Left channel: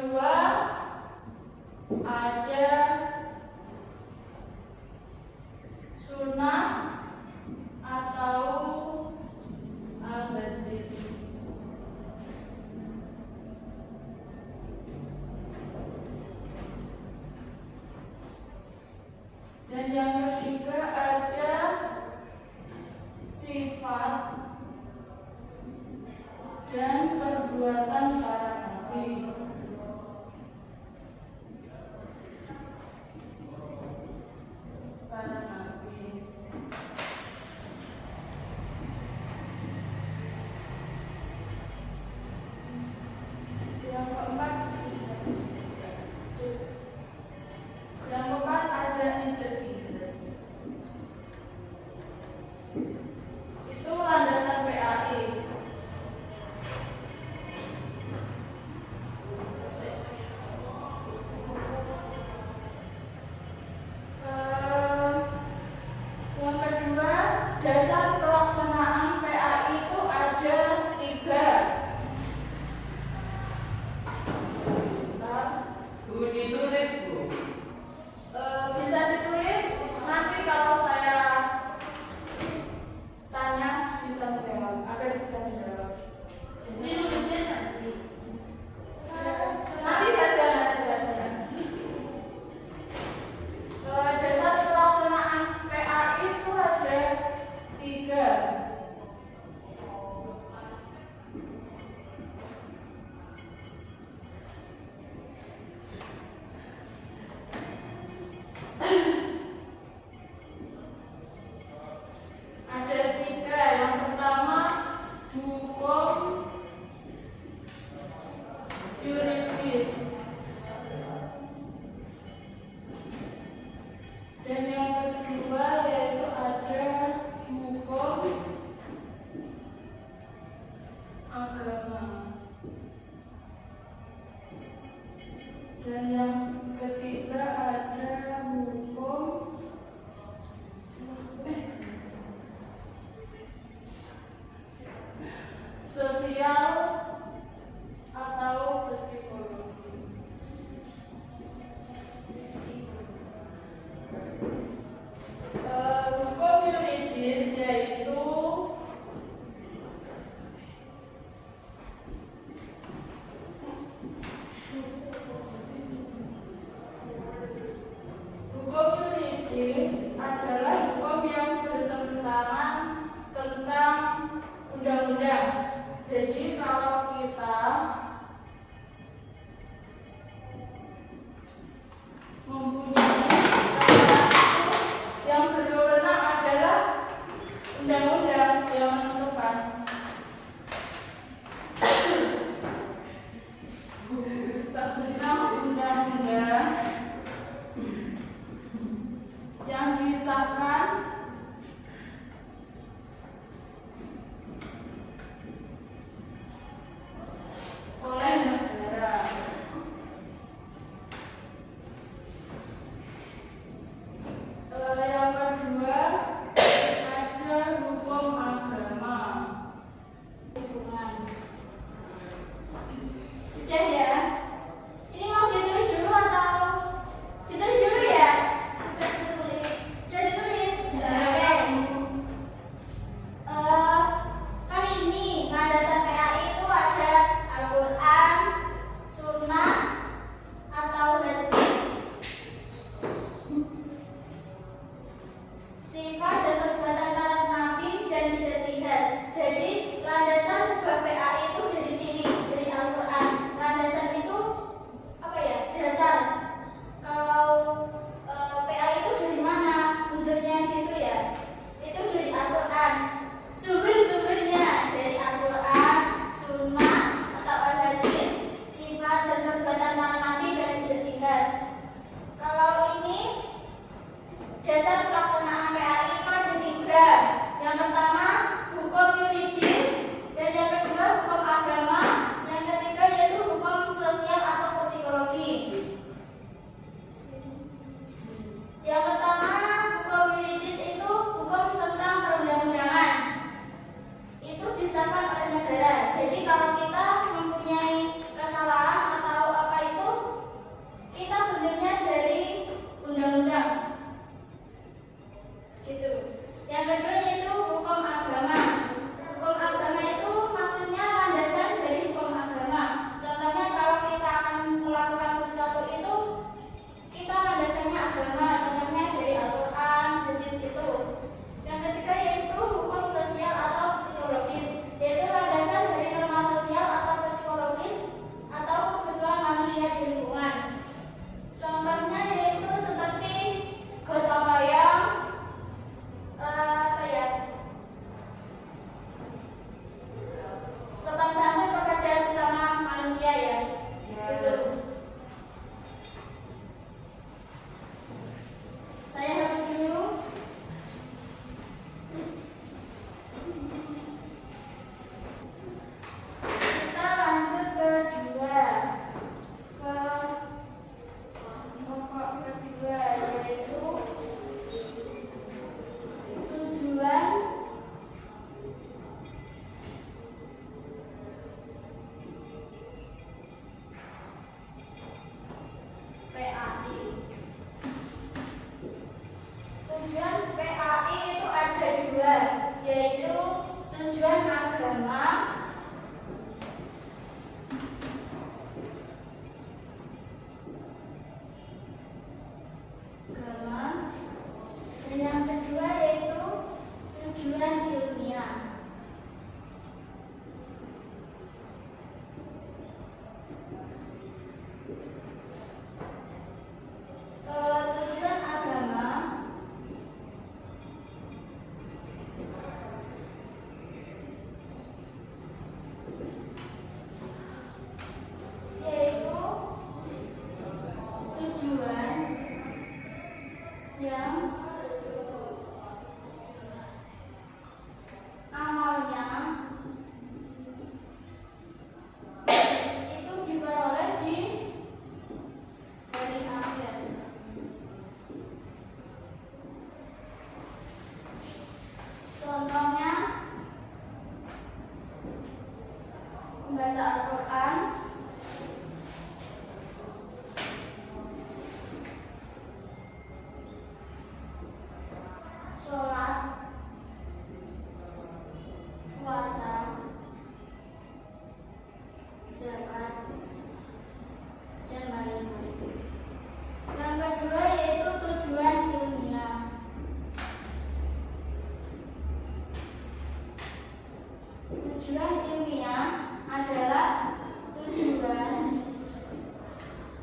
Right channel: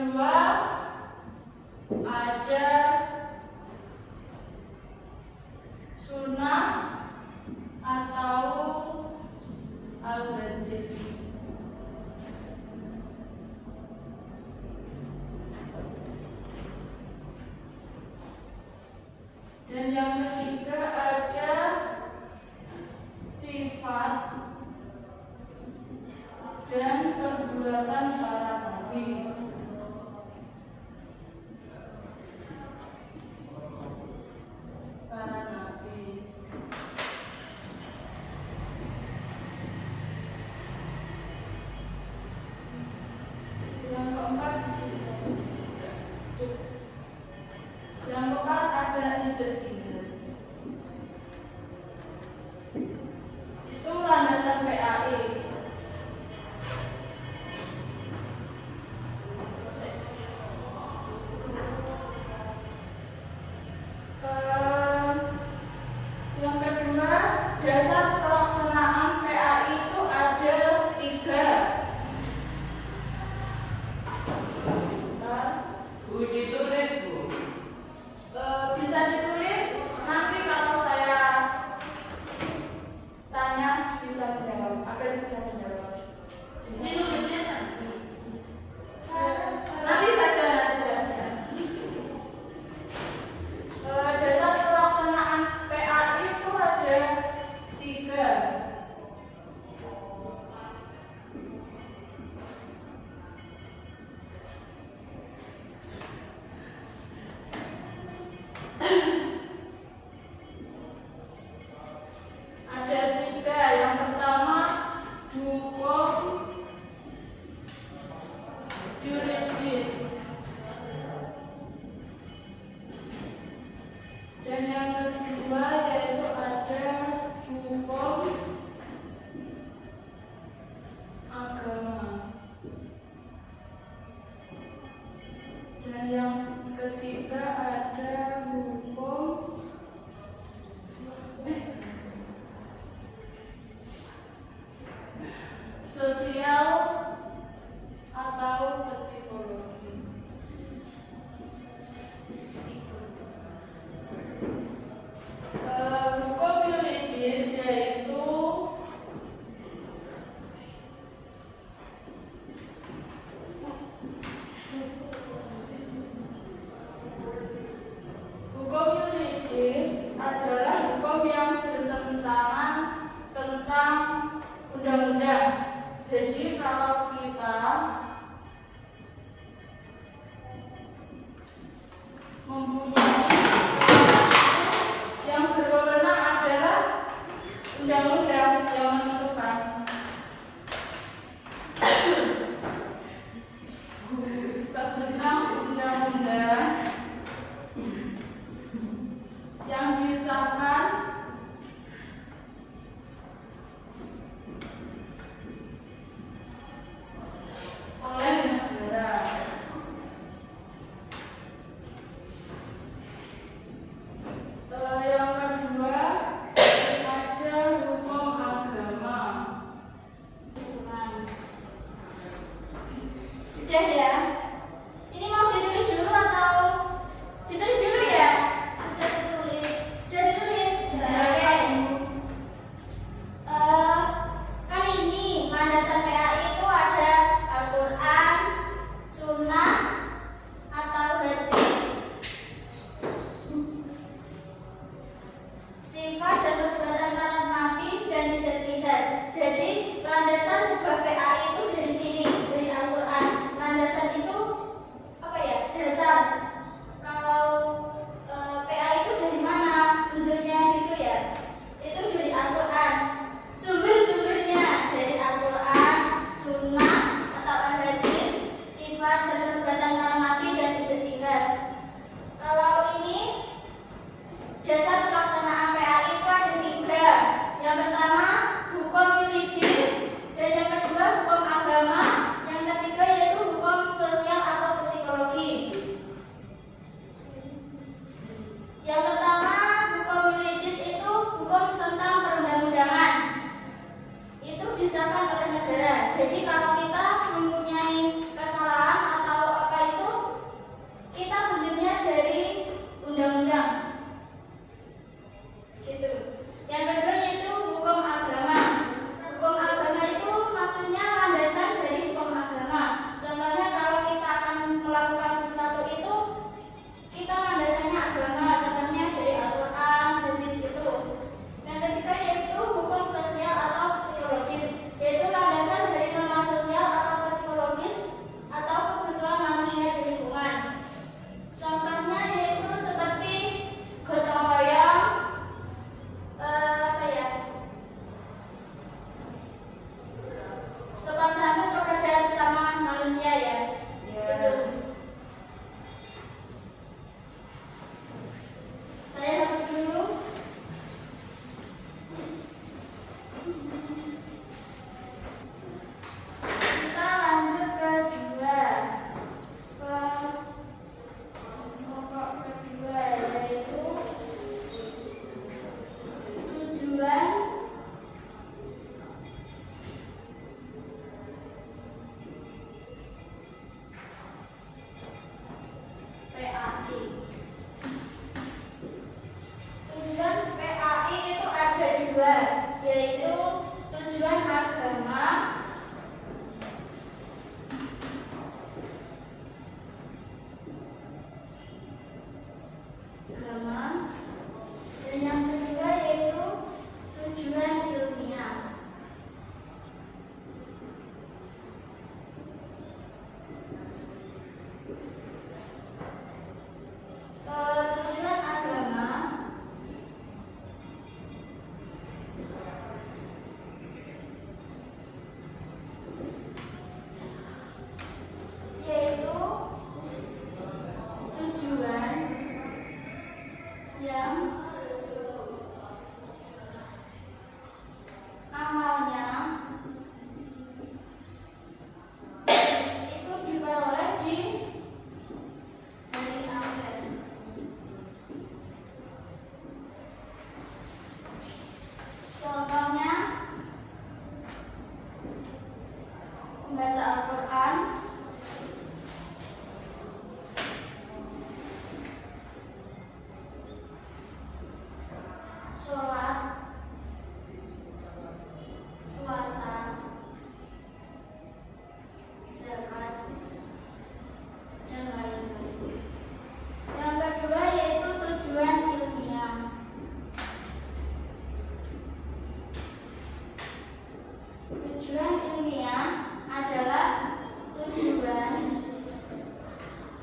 kedua ada sunnah atau al-badis. Dan yang ketiga ada sifat dan perbuatan para nabi. Yang keempat ada ijazah. Itu landasan PAI. Yang kedua, dasar pelaksanaan PAI itu ada 3. Bu, ditulis Bu. Bisa ditulis, nanti kalau saya tanya bisa dijawab, agar bisa dijawab. Ini nulisnya nanti. Nanti saja. Dasar pelaksanaan PAI itu ada 3. Ada 3. Yang pertama hukum yuridis. Dan yang kedua yaitu ada hukum agama. Dan yang ketiga ada hukum sosial atau psikologi. Hukum yuridis yaitu adalah hukum yang bertentangan tentang undang-undang. Jadi kalau kita mempunyai yang berwenang adalah undang-undang yang menentukan. Tentang undang-undang yang disahkan oleh negara.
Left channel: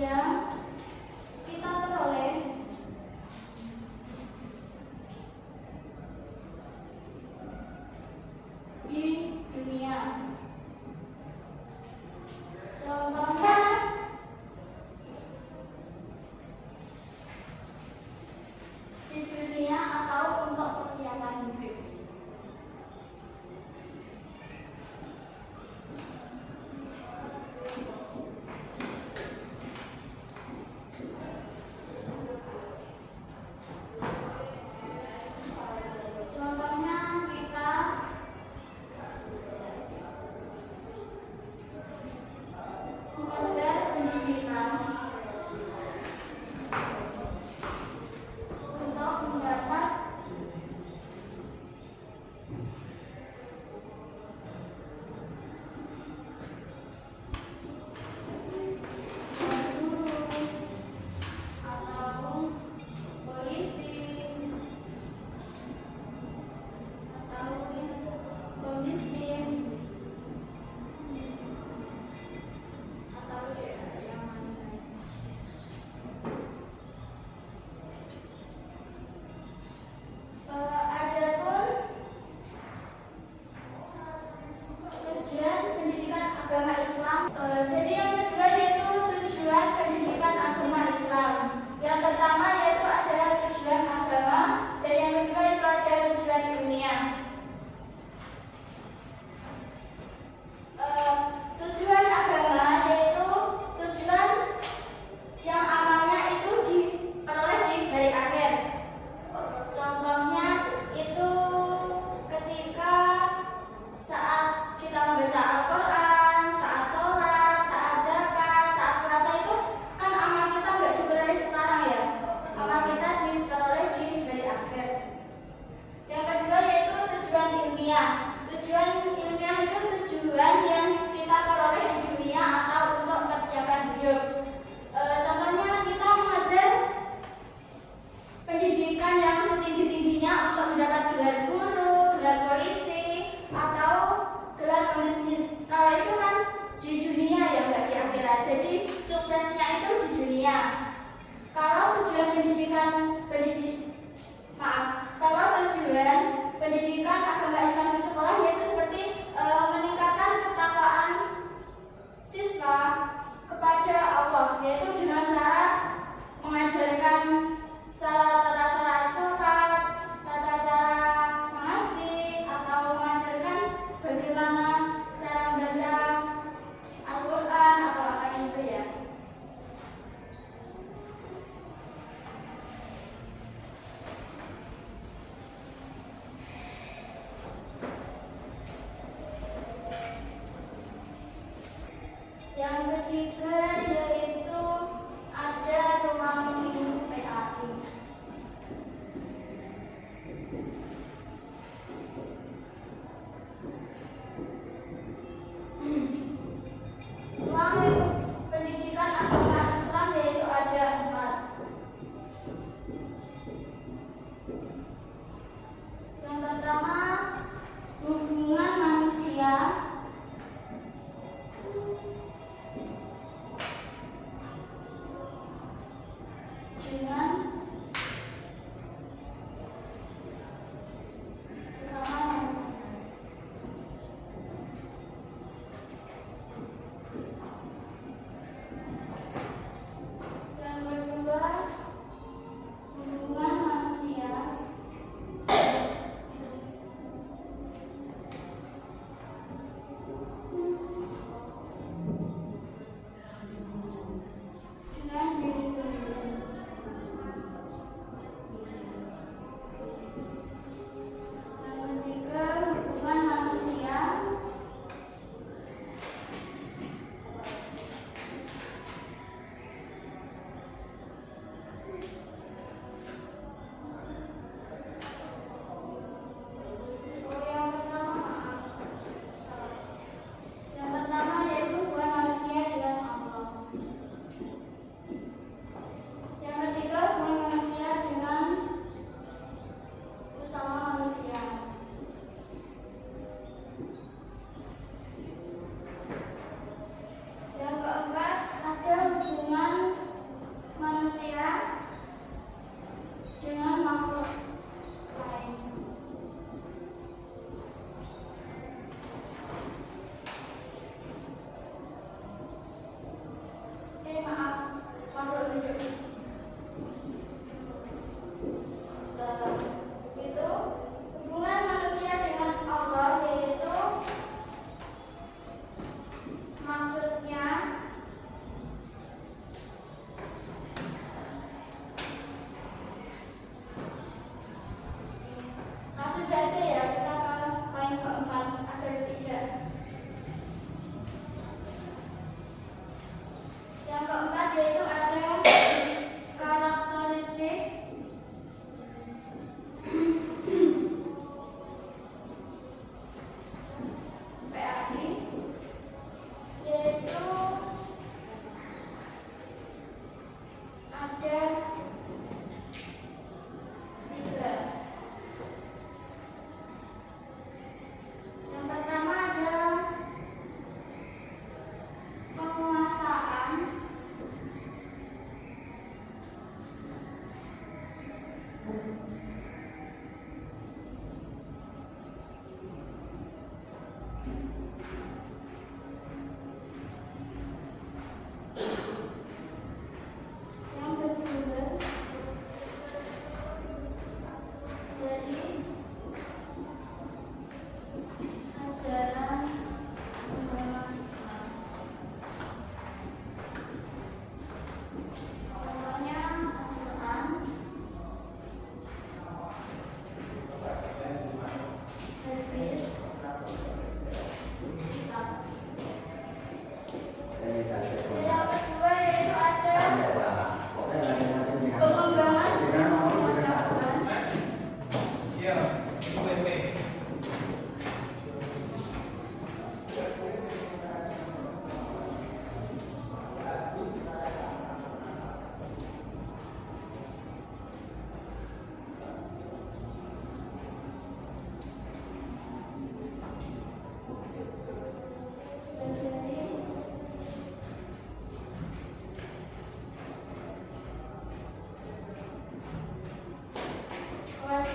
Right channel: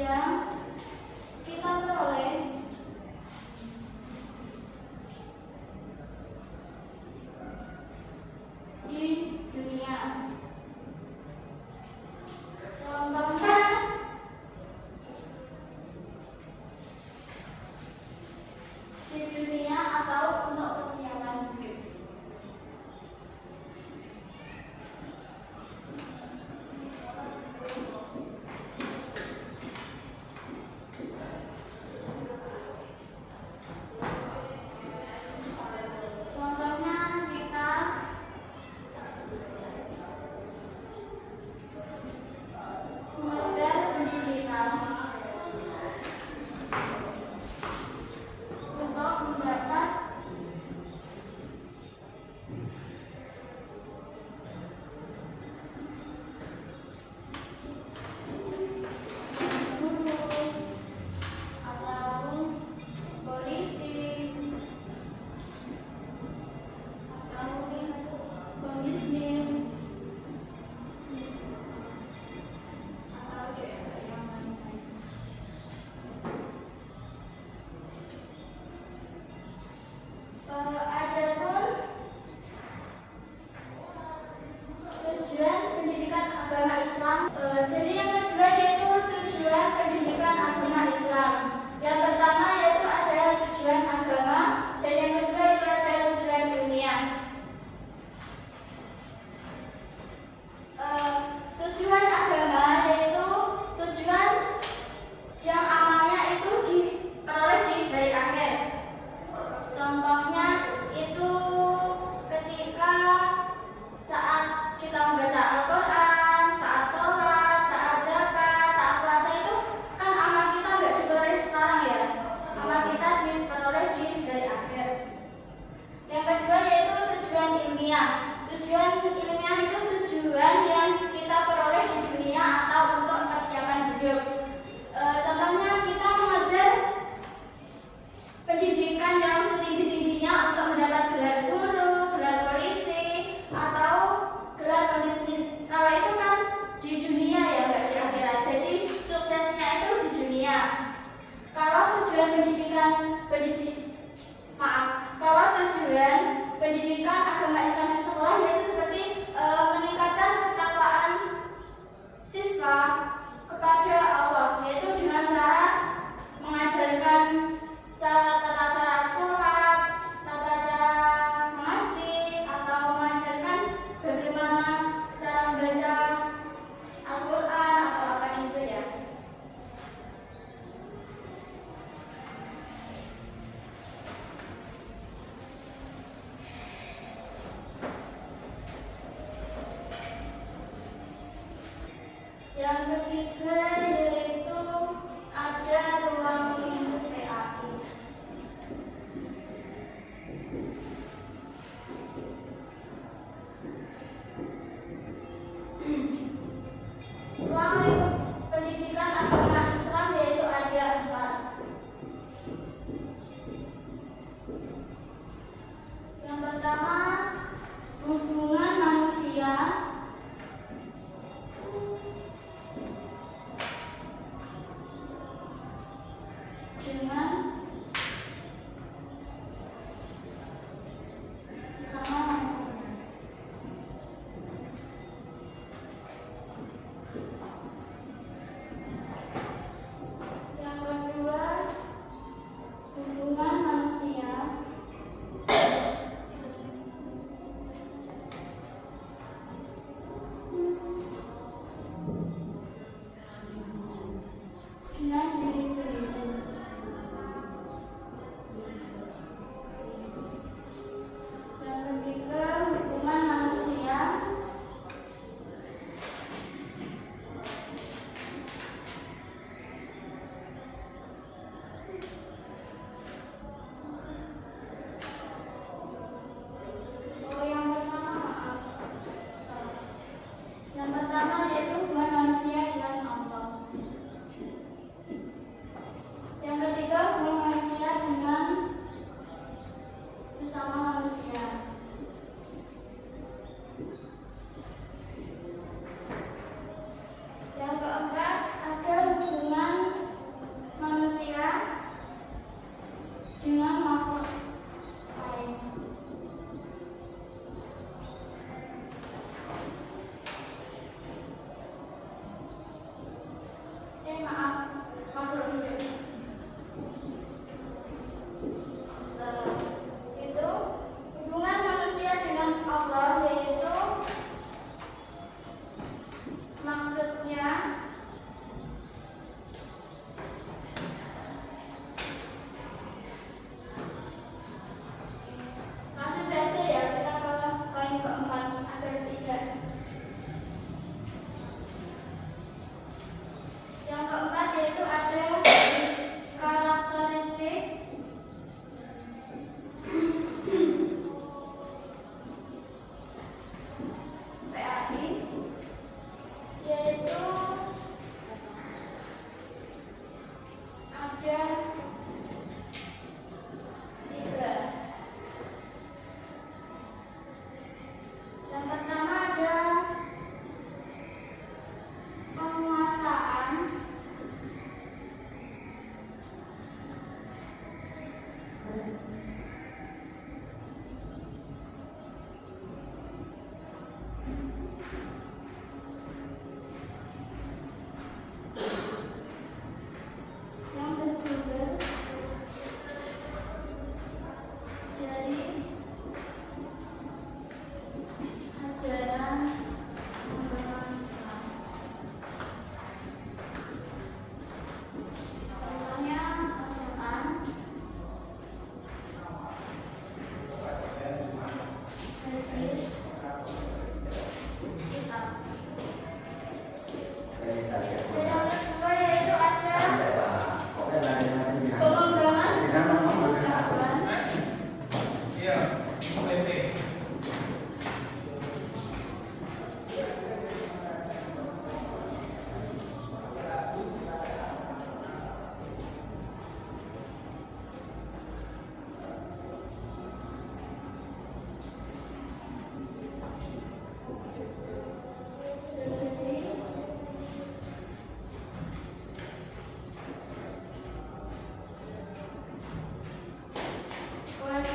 yang kita peroleh di dunia. Contohnya di dunia atau untuk persiapan hidup. Contohnya kita mengajar pendidikan untuk mendapat guru atau polisi atau pebisnis atau yang lain. Adapun tujuan pendidikan agama Islam, jadi yang kedua yaitu tujuan pendidikan agama Islam. Yang pertama yaitu adalah tujuan agama dan yang kedua itu adalah tujuan dunia. Tujuan agama yaitu tujuan yang amalnya itu diperoleh dari akhir. Contohnya itu ketika saat kita membaca Al-Quran, saat sholat, saat zakat, saat puasa itu kan amal kita nggak diperoleh sekarang ya. Amal kita diperoleh dari akhir. Yang kedua yaitu tujuan ilmiah. Tujuan ilmiah itu tujuan yang kita peroleh di dunia atau untuk persiapan hidup. Contohnya kita mengajar pendidikan yang setinggi-tingginya untuk mendapat gelar guru, gelar polisi, atau gelar pebisnis. Kalau itu kan di dunia ya, nggak di akhirat. Jadi suksesnya itu di dunia. Kalau tujuan kalau tujuan pendidikan agama Islam di sekolah yaitu seperti meningkatkan ketakwaan siswa kepada Allah, yaitu dengan cara mengajarkan tata cara sholat, tata cara mengaji, atau mengajarkan bagaimana cara membaca Al-Quran atau apa itu ya. Yang ketiga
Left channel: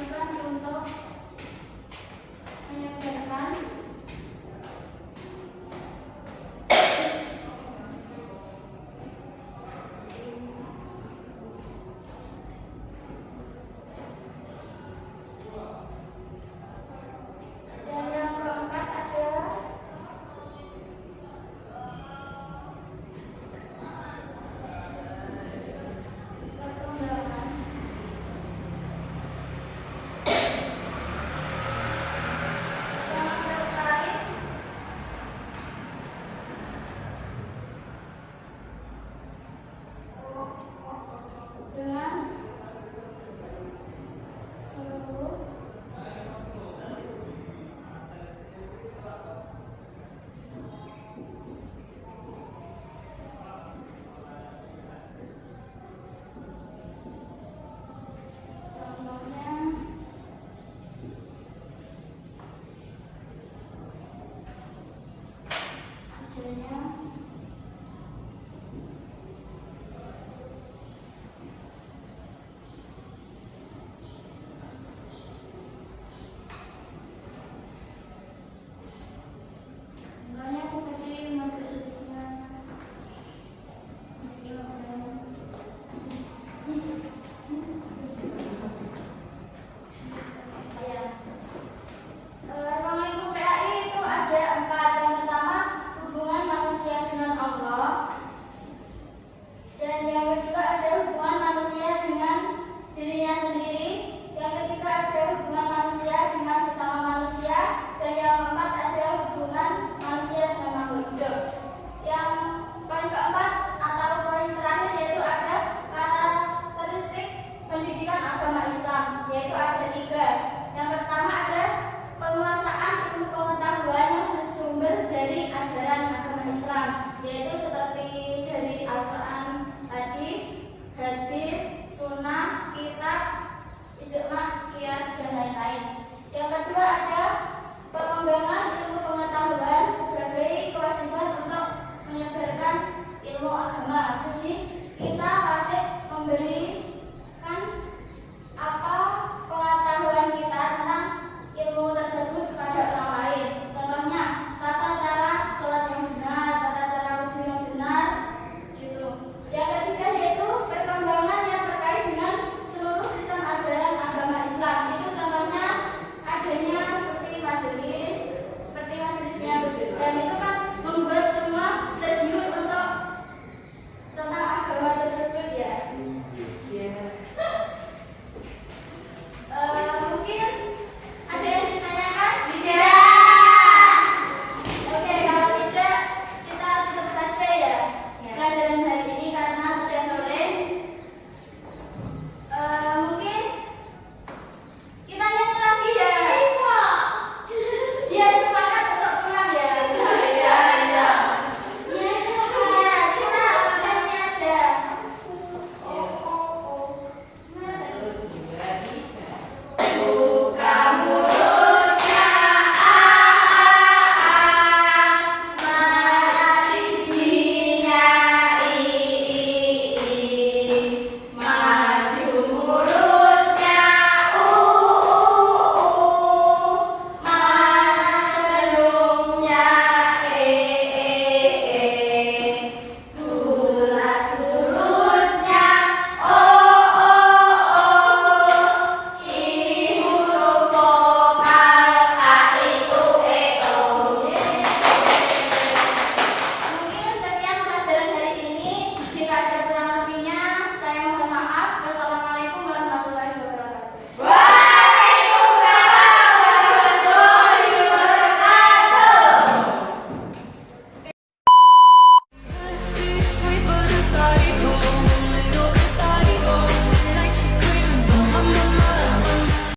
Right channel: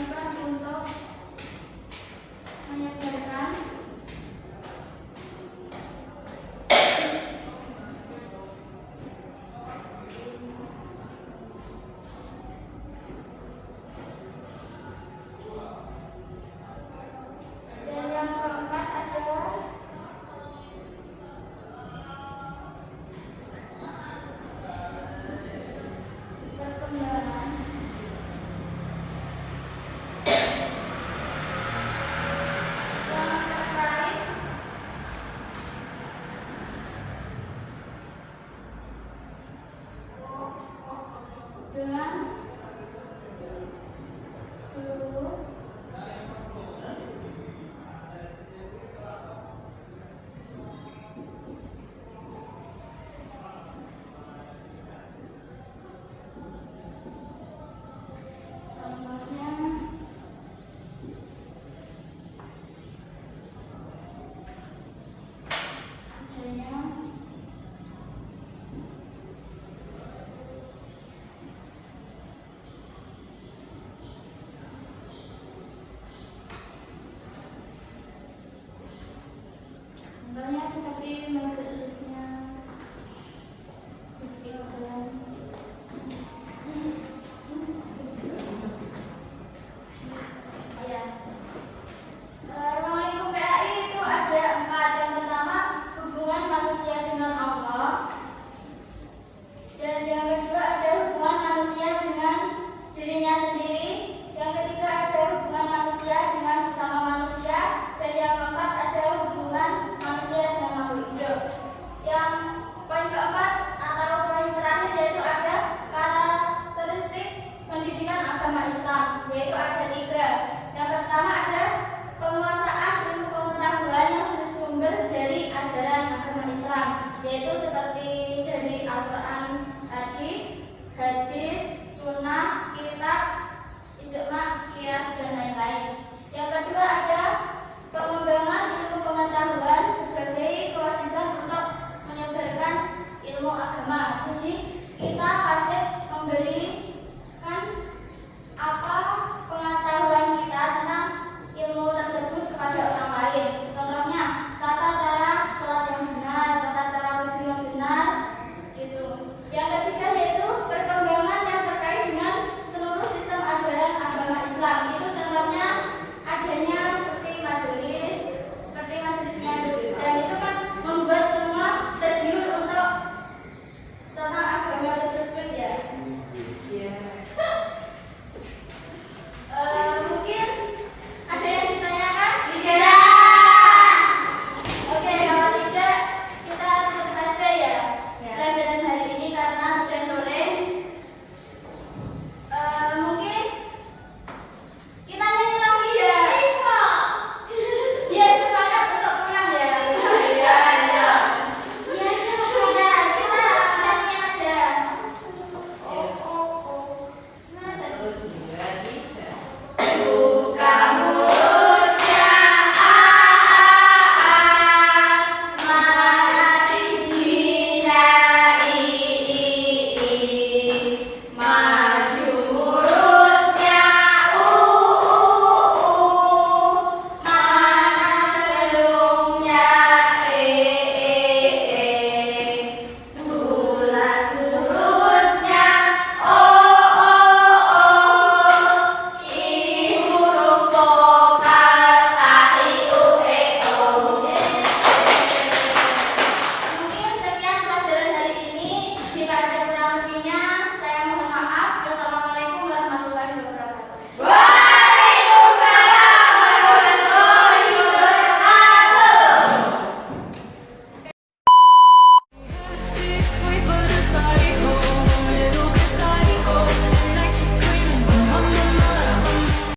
kewajiban untuk menyebarkan dan yang keempat adalah perkembangan yang terkait dengan seluruh contohnya adanya contohnya seperti majelisnya istimewa. Ya. Ruang lingkup PAI itu ada 4. Yang pertama, hubungan manusia dengan Allah. Dan yang kedua ada hubungan manusia dengan dirinya sendiri. Yang ketiga ada hubungan manusia dengan sesama manusia. Dan yang keempat ada hubungan manusia dengan makhluk hidup. Yang poin keempat atau poin terakhir yaitu ada karakteristik pendidikan agama Islam, yaitu ada 3. Yang pertama ada penguasaan ilmu pengetahuan yang bersumber dari ajaran agama Islam, yaitu seperti dari Al-Quran tadi, hadis, sunnah, kitab, ijma, qiyas, dan lain-lain. Yang kedua ada pengembangan ilmu pengetahuan sebagai kewajiban untuk menyebarkan ilmu agama. Jadi kita wajib